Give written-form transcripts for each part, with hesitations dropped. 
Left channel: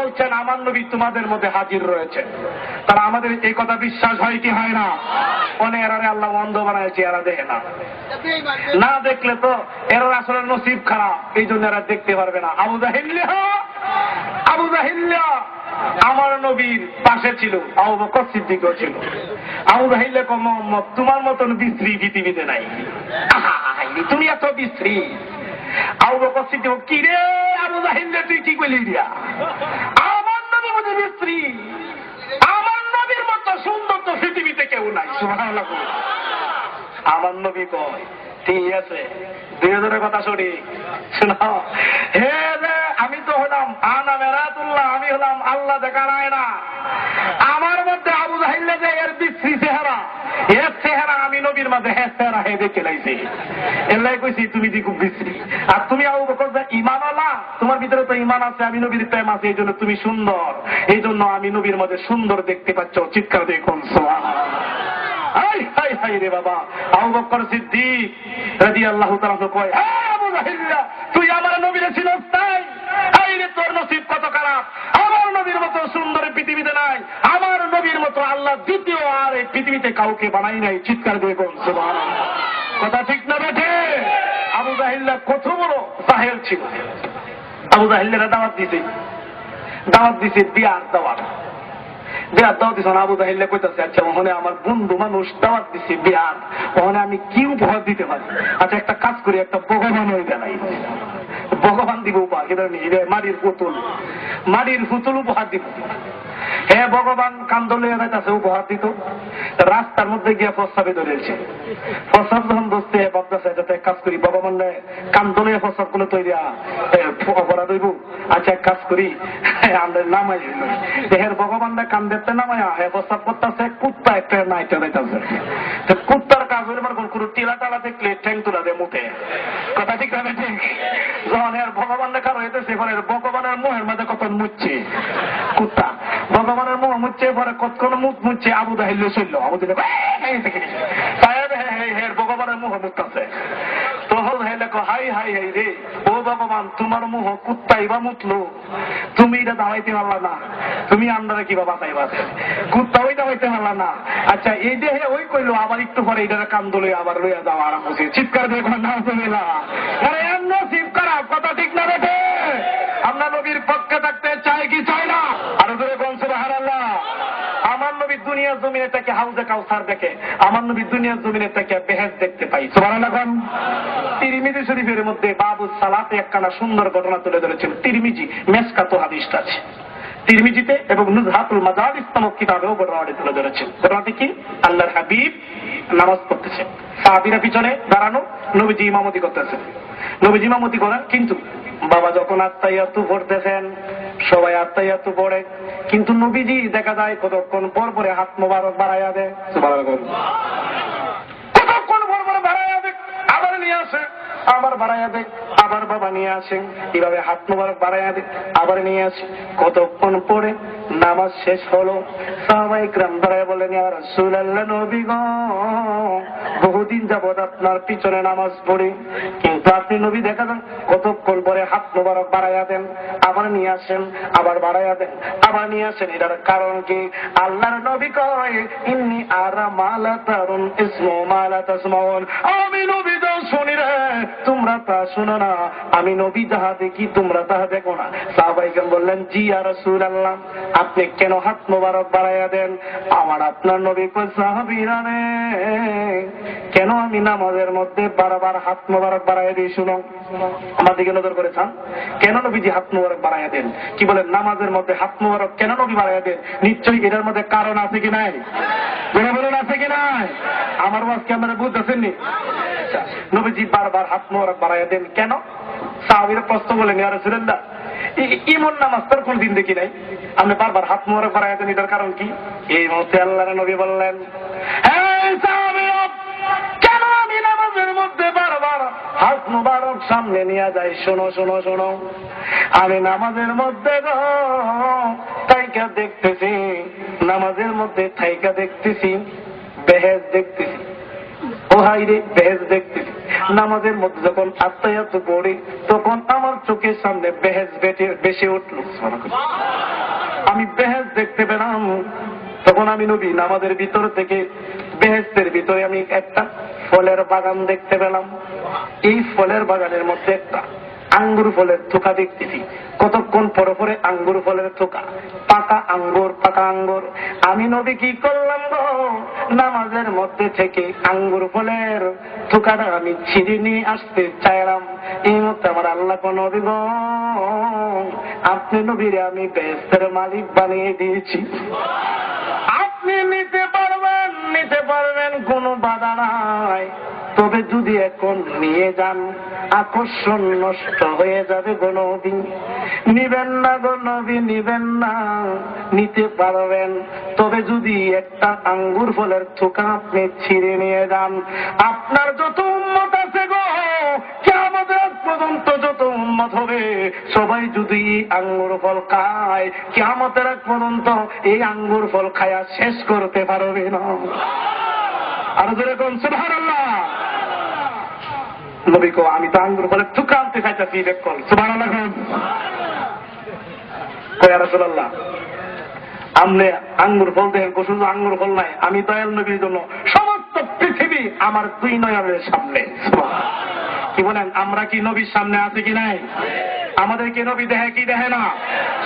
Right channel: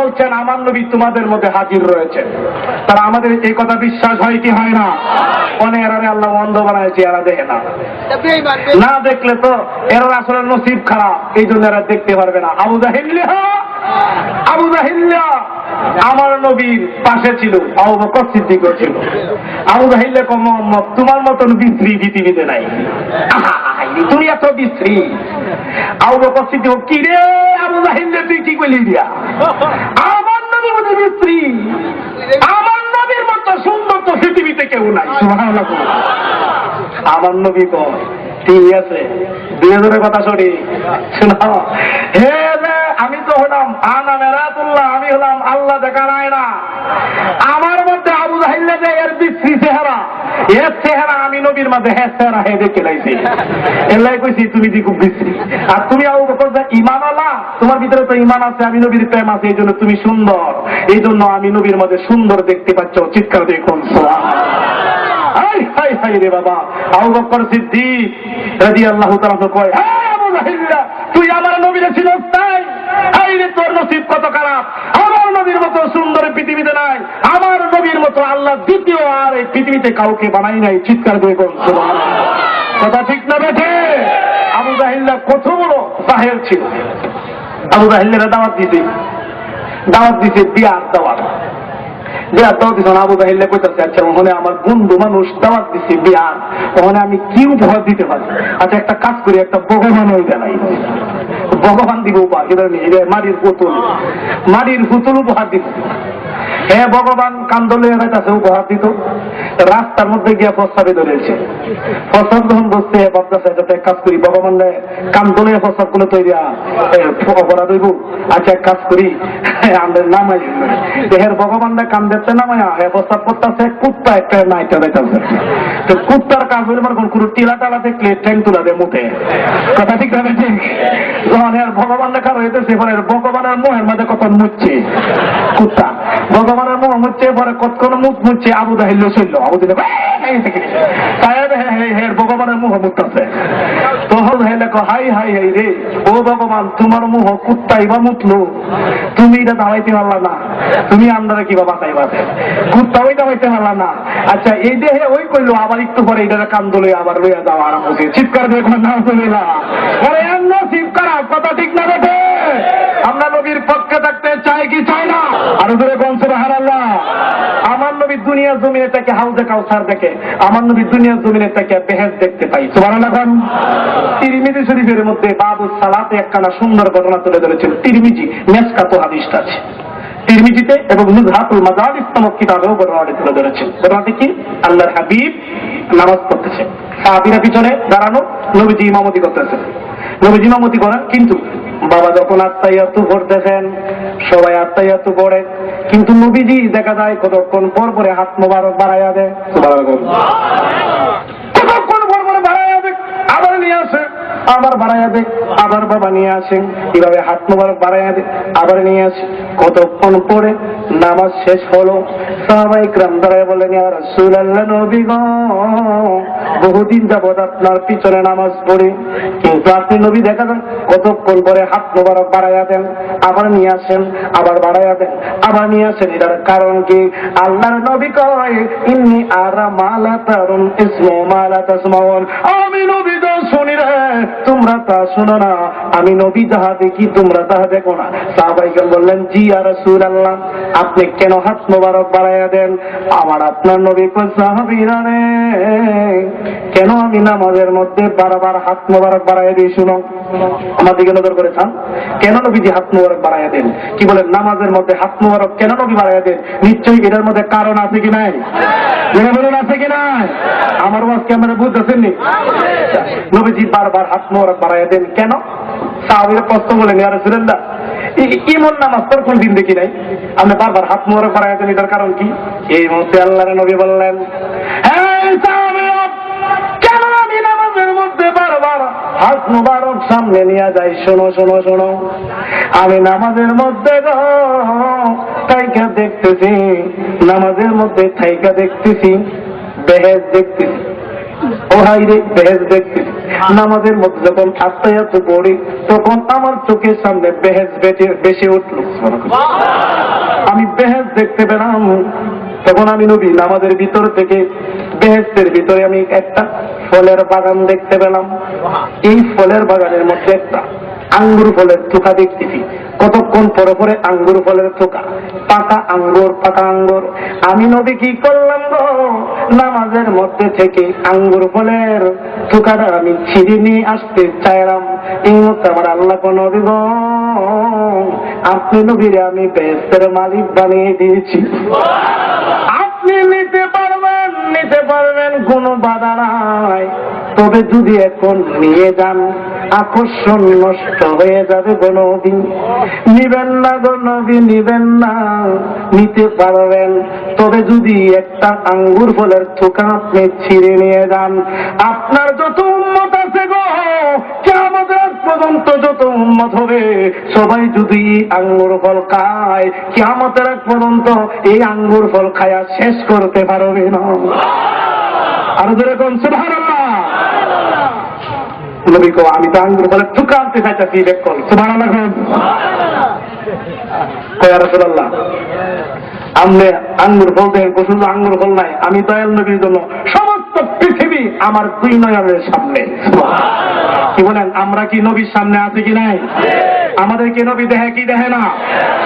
বলছেন আমার নবী তোমাদের মধ্যে হাজির রয়েছে। তারা আমাদের এই কথা বিশ্বাস হয় কি হয় না? অনেক এরারে আল্লাহ অন্ধ বানাইছে, এরা দেখে না। না দেখলে তো এরা আসলে নসিব খারাপ, এই জন্য এরা দেখতে পারবে না। আবু জাহিল্লা আমার নবীর পাশে ছিল, আবু বকর সিদ্দিকও ছিল। আবু জাহিল্লা কম মোহাম্মদ তোমার মতন বিশ্রী পৃথিবীতে নাই, তুমি এত বিশ্রী। আবু বকর সিদ্দিক কি রে আবু জাহিল্লা তুই কি বলি দিয়া, আমার নবী মতো বিশ্রী, আমার নবীর মতো সুন্দর তো পৃথিবীতে কেউ নাই। সুবহানাল্লাহ। আমার নবী কয় ঠিক আছে, 2000-এর কথা সরি শোনো। হে আমি তো হলাম আনা মেরাতুল্লাহ, আমি হলাম আল্লাহ দেখা নাই না। আমার মধ্যে আবু জাহিল্লা যে এর বিশ্রী চেহারা, এর চেহারা আমি নবীর মধ্যে হ্যাঁ চেহারা হে দেখে লাইছি। এলাই কইছি তুমি যে খুব বিশ্রী। আর তুমি আবু বকর যে ঈমান আলা, তোমার ভিতরে তো ঈমান আছে, আমি নবীর প্রেম আছে, এই জন্য তুমি সুন্দর, এই জন্য আমি নবীর মধ্যে সুন্দর দেখতে পাচ্ছ। চিৎকার দিয়ে কোন হাই হাই হাই রে বাবা। আবু বকর সিদ্দিক রাদিয়াল্লাহু তাআলা কয়, হে আবু জাহিল্লা তুই আমার নবীরে ছিলস তাই? হাই রে তোর নসিব কত খারাপ, আমার নবীর মতো সুন্দর পৃথিবীতে নাই, আমার নবীর মতো আল্লাহ দ্বিতীয় আর এই পৃথিবীতে কাউকে বানাই নাই। চিৎকার দিয়ে কোন সুবহানাল্লাহ। কথা ঠিক না বেঠে? আবু জাহিল্লা কত বড় জাহেল ছিল। আবু জাহিল্লার দাওয়াত দিছে বিয়ার দাওয়াত দিছে। আবু জাহিল্লা কইতাছে আচ্ছা ওখানে আমার বন্ধু মানুষ দাওয়াত দিছে বিয়ার, ওখানে আমি কি উপহার দিতে পারি? আচ্ছা একটা কাজ করি, একটা ভগবান ওই দেয়, ভগবান দিব উপহার, মাটির পুতুল উপহার দিব। হে ভগবান কান্দলে যাইতেছে উপহার দিত, রাস্তার মধ্যে গিয়ে প্রস্তাবে ধরেছে। প্রস্তাব যখন বসছে ভাবতেছে যাতে এক কাজ করি, ভগবান কান্দলে প্রস্তাব গুলো তৈরি অপরাধ হইব। আচ্ছা এক কাজ করি আমাদের নামাই দেহের ভগবান কান্দেতে নামায়া হে প্রস্তাব করতেছে, কুত্তা একটা নাইটা যাইতেছে। তো কুত্তার কাজ হইলে মানে কোনো টিলা টালা দেখলে ঠ্যাং তুলা দেয় মুখে। কথা ঠিক না ঠিক? যখন এর ভগবান দেখা হইতেছে পরে ভগবানের মোহের মধ্যে কত মুচ্ছে কুত্তা, ভগবানের মুখ মুচ্ছে পরে কতক্ষণ মুখ মুচ্ছে। আবু জাহিল্লা চলল, আবু জাহিল্লা ভগবানের মুখ মুখতেছে। তখন হাই হাই হাই রে ও ভগবান তোমার মুখ কুত্তাই বা মুতলো, তুমি এটা দাঁড়াইতে পারলা না, তুমি আমরা কিবা বাঁচাইবা, কুত্তা ওই দাঁড়াইতে পারলা না। আচ্ছা এই দেহে ওই কইলো, আবার একটু পরে এটা কান্দলে আবার লইয়া যাওয়া আরাম হচ্ছে। চিৎকার দিয়ে না চলে না নসিব খারাপ। কথা ঠিক না বেঠে? আমরা নবীর পক্ষে থাকতে চাই কি চাই না? আর ধরে কোন সুবহানাল্লাহ। আমার নবী দুনিয়ার জমিনে থেকে হাউজে কাউসার দেখে, আমার নবী দুনিয়ার জমিনে থেকে বেহেশত দেখতে পাই। সুবহানাল্লাহ। তিরমিজি শরীফের মধ্যে বাবু সালাতে একখানা সুন্দর ঘটনা তুলে ধরেছেন। তিরমিজি মেসকাত হাদিসটা আছে তিরমিজিতে এবং নুজহাতুল মাজালিস নামক কিতাবেও ঘটনাটি তুলে ধরেছেন। ঘটনাটি কি? আল্লাহর হাবিব নামাজ পড়তেছে, সাহাবীরা পিছনে দাঁড়ানো, নবীজি ইমামতি করতেছেন। নবীজি ইমামতি করেন, কিন্তু বাবা যখন আত্তাহিয়াতু পড়তেছেন সবাই আত্তাহিয়াতু পড়ে, কিন্তু নবীজি দেখা যায় কতক্ষণ পর পরে হাত মোবারক বাড়াইয়া দেয়। কতক্ষণ পর পরে বাড়াইয়া দেয়, আবার নিয়ে আসে, আবার বাড়াইয়া দেয়, আবার বাবা নিয়ে আসেন, এইভাবে হাত মোবারক বাড়াইয়া দেয়, আবার নিয়ে আসে। কতক্ষণ পরে নামাজ শেষ হলো, সাহাবায়ে কেরাম দাঁড়ায় বলেন ইয়া রাসূলুল্লাহ নবী গো বহুদিন যাবত আপনার পিছনে নামাজ পড়ি, কিন্তু আপনি নবী দেখা যান কতক্ষণ পরে হাত মোবারক বাড়াইয়া দেন, আবার নিয়ে আসেন, আবার বাড়াইয়া দেন, আবার নিয়ে আসেন। এটার কারণ কি? আল্লাহর নবী কয় ইন্নী আরা মালা তারুন ইসমু মালা তাসমাউন, আমি নবী তো শুনি রে তোমরা তা শুনো না, আমি নবী যাহা দেখি তোমরা তাহা দেখো না। সাহাবায়ে কেরাম বললেন জি ইয়া রাসূলুল্লাহ আপনি কেন হাত মোবারক বাড়াইয়া দেন? আমার আপনার নবী কয় সাহাবীরা রে কেন আমি নামাজের মধ্যে বারবার হাত মোবারক বাড়াইয়া দিই? শুনো, আমার দিকে নজর করেছেন, কেন নবীজি হাত মোবারক বাড়াইয়া দেন? কি বলেন নামাজের মধ্যে হাত মোবারক কেন নবী বাড়াইয়া দেন? নিশ্চয়ই এটার মধ্যে কারণ আছে কি নাই? বলুন আছে কি নাই? আমার ওয়াজকে আপনারা বুঝতেছেন নি? নবীজি বারবার হাত মোবারক বাড়াইয়া দেন কেন? সাহাবীরা প্রশ্ন বলেন ইয়া রাসূলুল্লাহ এমন নামাজ তোর কোন দিন দেখি নাই, আপনি বারবার হাত মোবারক বাড়াইয়া দেন, এটার কারণ কি? এই মুহূর্তে আল্লাহর নবী বললেন কেন আমি নামাজের মধ্যে বারবার হাত মোবারক সামনে নিয়ে যাই? শোনো শোনো শোনো, আমি নামাজের মধ্যে থাইকা দেখতেছি, নামাজের মধ্যে থাইকা দেখতেছি বেহেশত দেখতেছি, ও হাই রে বেহেশত দেখতেছি। নামাজের মধ্যে যখন আত্তাহিয়াতু পড়ি তখন আমার চোখের সামনে বেহেশত বেশি উঠলো। আমি বেহেশত দেখতে পেলাম। তখন আমি নবী নামাজের ভিতর থেকে বেহেশতের ভিতরে আমি একটা ফলের বাগান দেখতে পেলাম। এই ফলের বাগানের মধ্যে একটা আঙ্গুর ফলের থোকা দেখতেছি। কতক্ষণ পরে পরে আঙ্গুর ফলের থোকা, পাকা আঙ্গুর, পাকা আঙ্গুর। আমি নবী কি করলাম গো, নামাজের মধ্যে থেকে আঙ্গুর ফলের থোকাটা আমি ছিঁড়ে নিয়ে আসতে চাইলাম। এই মতো আমার আল্লাহ নবী গো, আপনি নবীরে আমি বেহেশতের মালিক বানিয়ে দিয়েছি। আপনি নিতে পারবেন, নিতে পারবেন, কোনো বাধা নাই। তবে যদি এখন নিয়ে যান আকর্ষণ নষ্ট হয়ে যাবে গো নবী। নিবেন না গো নবী, নিবেন না। নিতে পারবেন, তবে যদি একটা আঙ্গুর ফলের থোকা আপনি ছিঁড়ে নিয়ে যান, আপনার যত উম্মত আছে গো, কিয়ামতের পর্যন্ত যত উম্মত হবে সবাই যদি আঙ্গুর ফল খায়, কিয়ামতের পর্যন্ত এই আঙ্গুর ফল খায়া শেষ করতে পারবে না। আর যেরকম সুবহানাল্লাহ। নবী কো, আমি তো আঙ্গুর ফলের থোকা আনতে চাইতেছি, দেখুন সুবহানাল্লাহ। কয়া রাসূলুল্লাহ, আমনে আঙ্গুর ফল দেন, শুধু আঙ্গুর ফল নাই, আমি দয়াল নবীর জন্য সমস্ত পৃথিবী আমার দুই নয়নের সামনে। কি বলেন, আমরা কি নবীর সামনে আছি কি নাই? আমাদের কি নবী দেখে কি দেখে না?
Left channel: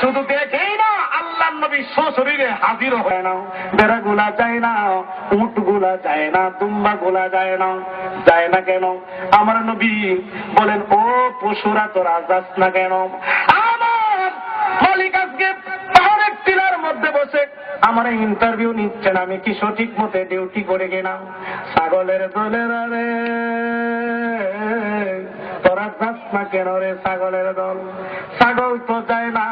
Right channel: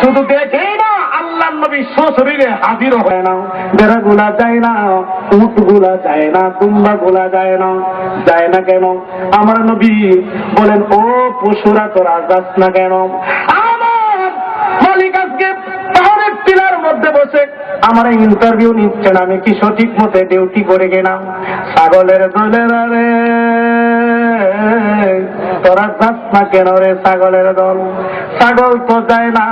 শুধু দেখেই না, আল্লাহ নবী সশরীরে হাজির হয় না। বেড়া গুলা যায় না, উট গুলা যায় না, দুম্বা গুলা যায় না। যায় না কেন? আমার নবী বলেন, ও পশুরা তোরা যাস না কেন? আমার মালিক আজকে পাহাড়ের টিলার মধ্যে বসে আমার ইন্টারভিউ নিচ্ছেন, আমি কি সঠিক মতে ডিউটি করে গেলাম? ছাগলের দলের রে তোরা যাস না কেন রে ছাগলের দল? ছাগল তো যায় না।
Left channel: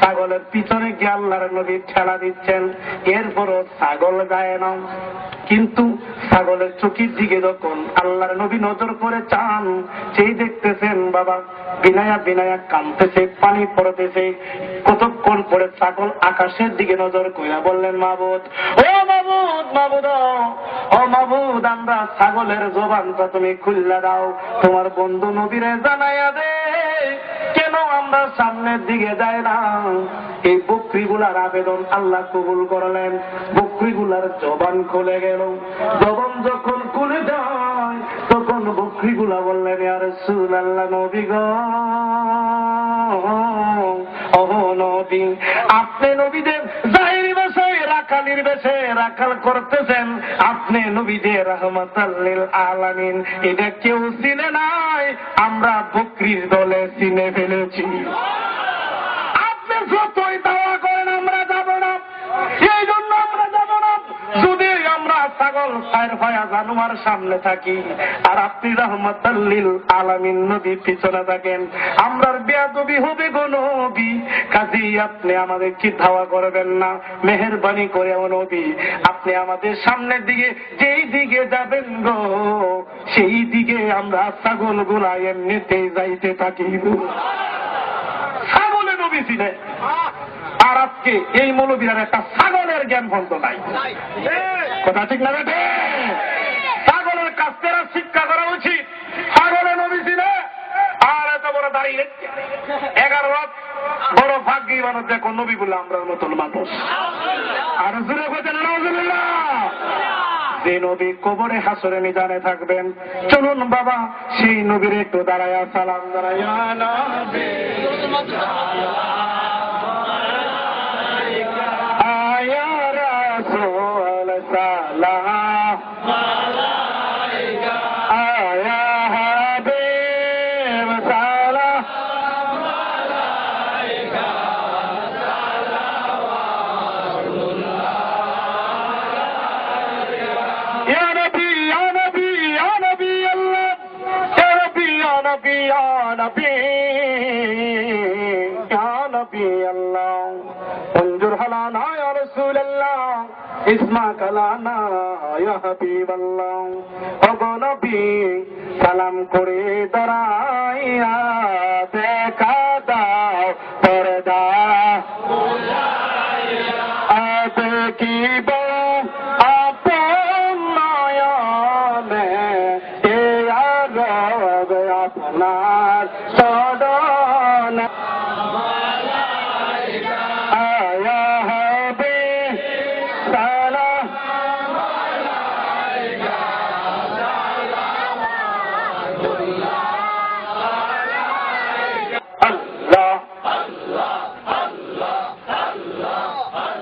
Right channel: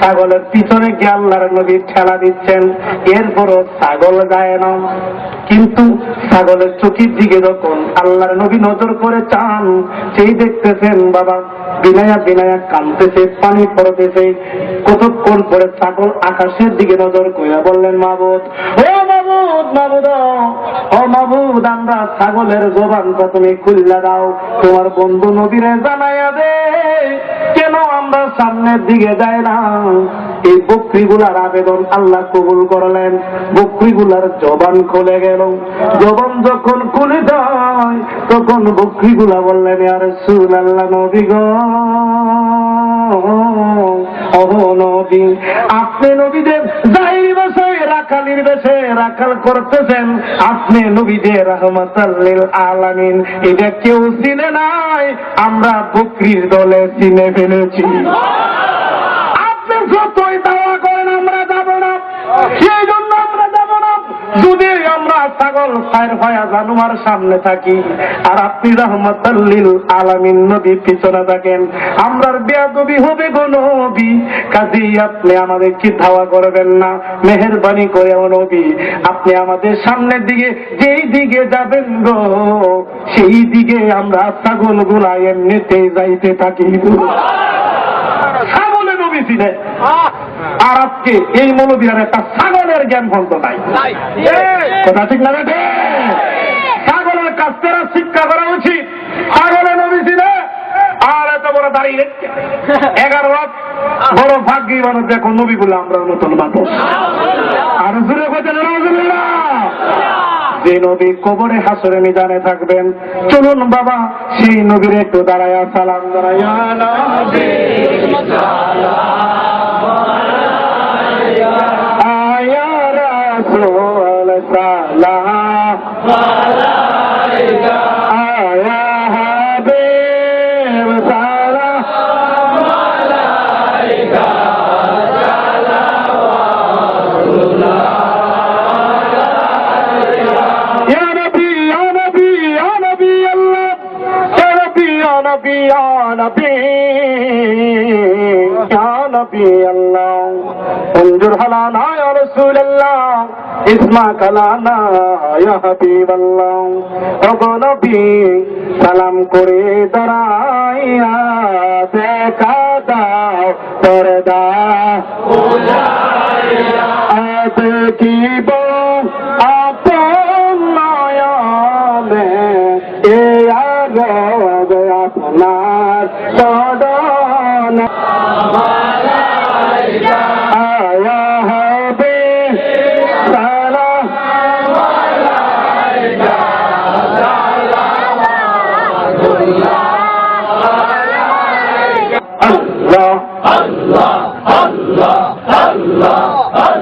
ছাগলের পিছনে গিয়ে আল্লাহর নবী ঠেলা দিচ্ছেন, এরপরও ছাগল যায় না। কিন্তু ছাগলের চোখের দিকে যখন আল্লাহর নবী নজর করে চান, সেই দেখতেছেন বাবা বিনায়া বিনায়া কাঁদতেছে, পানি পড়তেছে। কতক্ষণ পরে ছাগল আকাশের দিকে নজর করে বললেন, মাবুদ, ও মাবুদ, মাবুদ, ও মাবুদ, আমরা ছাগলের জবানটা তুমি খুললা দাও, তোমার বন্ধু নবীরে জানাইয়া দে কেন আমরা সামনের দিকে যাই না। এই বকরিগুলার আবেদন আল্লাহ কবুল করলেন। বকরিগুলার জবান খুলে গেল। জবান যখন খুলে যায় তখন বকরিগুলা বললেন, ইয়া রাসূলুল্লাহ, নবী গো, নবী, আপনি নবীদের জাহিরি বেশে রাখালির বেশে রাখাল করতেছেন, আপনি নবীদের রাহমাতাল লিল আলামিন, এটা কেউ চিনে নাই, আমরা বকরির দলে চিনে ফেলেছি। আপনি যতই দাওয়া করেন আমরা যাব না, এই জন্য আমরা যাব না। যদি আমরা ছাগল খায়ের ভয়া জানোয়ার সামনে থাকি আর আপনি রাহমাতাল লিল আলামিন নবী পিছনে থাকেন, আমরার বেয়াদবি হবে গো নবী। কাজেই আপনি আমাদের কি ধাওয়া করবেন না, মেহেরবানি করে ও নবী আপনি আমাদের সামনের দিকে যেই দিকে যাবেন গো সেই দিকে আমরা ছাগল গুলা এমনিতে যাইতে থাকি। ছাগলে নবী ছিলেন, আর আজকে এই মৌলবীর একটা ছাগলের জ্ঞান ভঙ্গ নাই। কথা ঠিক না বেটে? ছাগলের কাছ থেকে শিক্ষা করা উচিত। ছাগলের নবী ছিলেন, আর এত বড় দাঁড়িয়ে 11 রাত বড় ভাগ্যী মানুষ দেখো নবী বলে আমরা নতুন মানুষ। আর জুড়ে কথা না, যে নবী কবরে হাসরে মিজানে থাকবেন, চলুন বাবা সেই নবীর একটু দাঁড়ায়া সালাম দাঁড়াইয়া নবী আয়া রাসূল সালাম আলাইকা, আয়া হাবিব সালাম আলাইকা, ইয়া নবী, ইয়া নবী, ইয়া নবী আল্লাহ, ইয়া নবী, ইয়া নবী, ইয়া নবী, ইয়া নবী আল্লাহ, انظر هلانا يا رسول الله اسمع كلانا يا حبيب الله। ওগো নবী সালাম করে দাঁড়াইয়া দেখা দাও পর্দা দেখিব আপন নয়নে, এ আরব আপনার সদন আয়া আল্লাহ আল্লাহ আল্লাহ আল্লাহ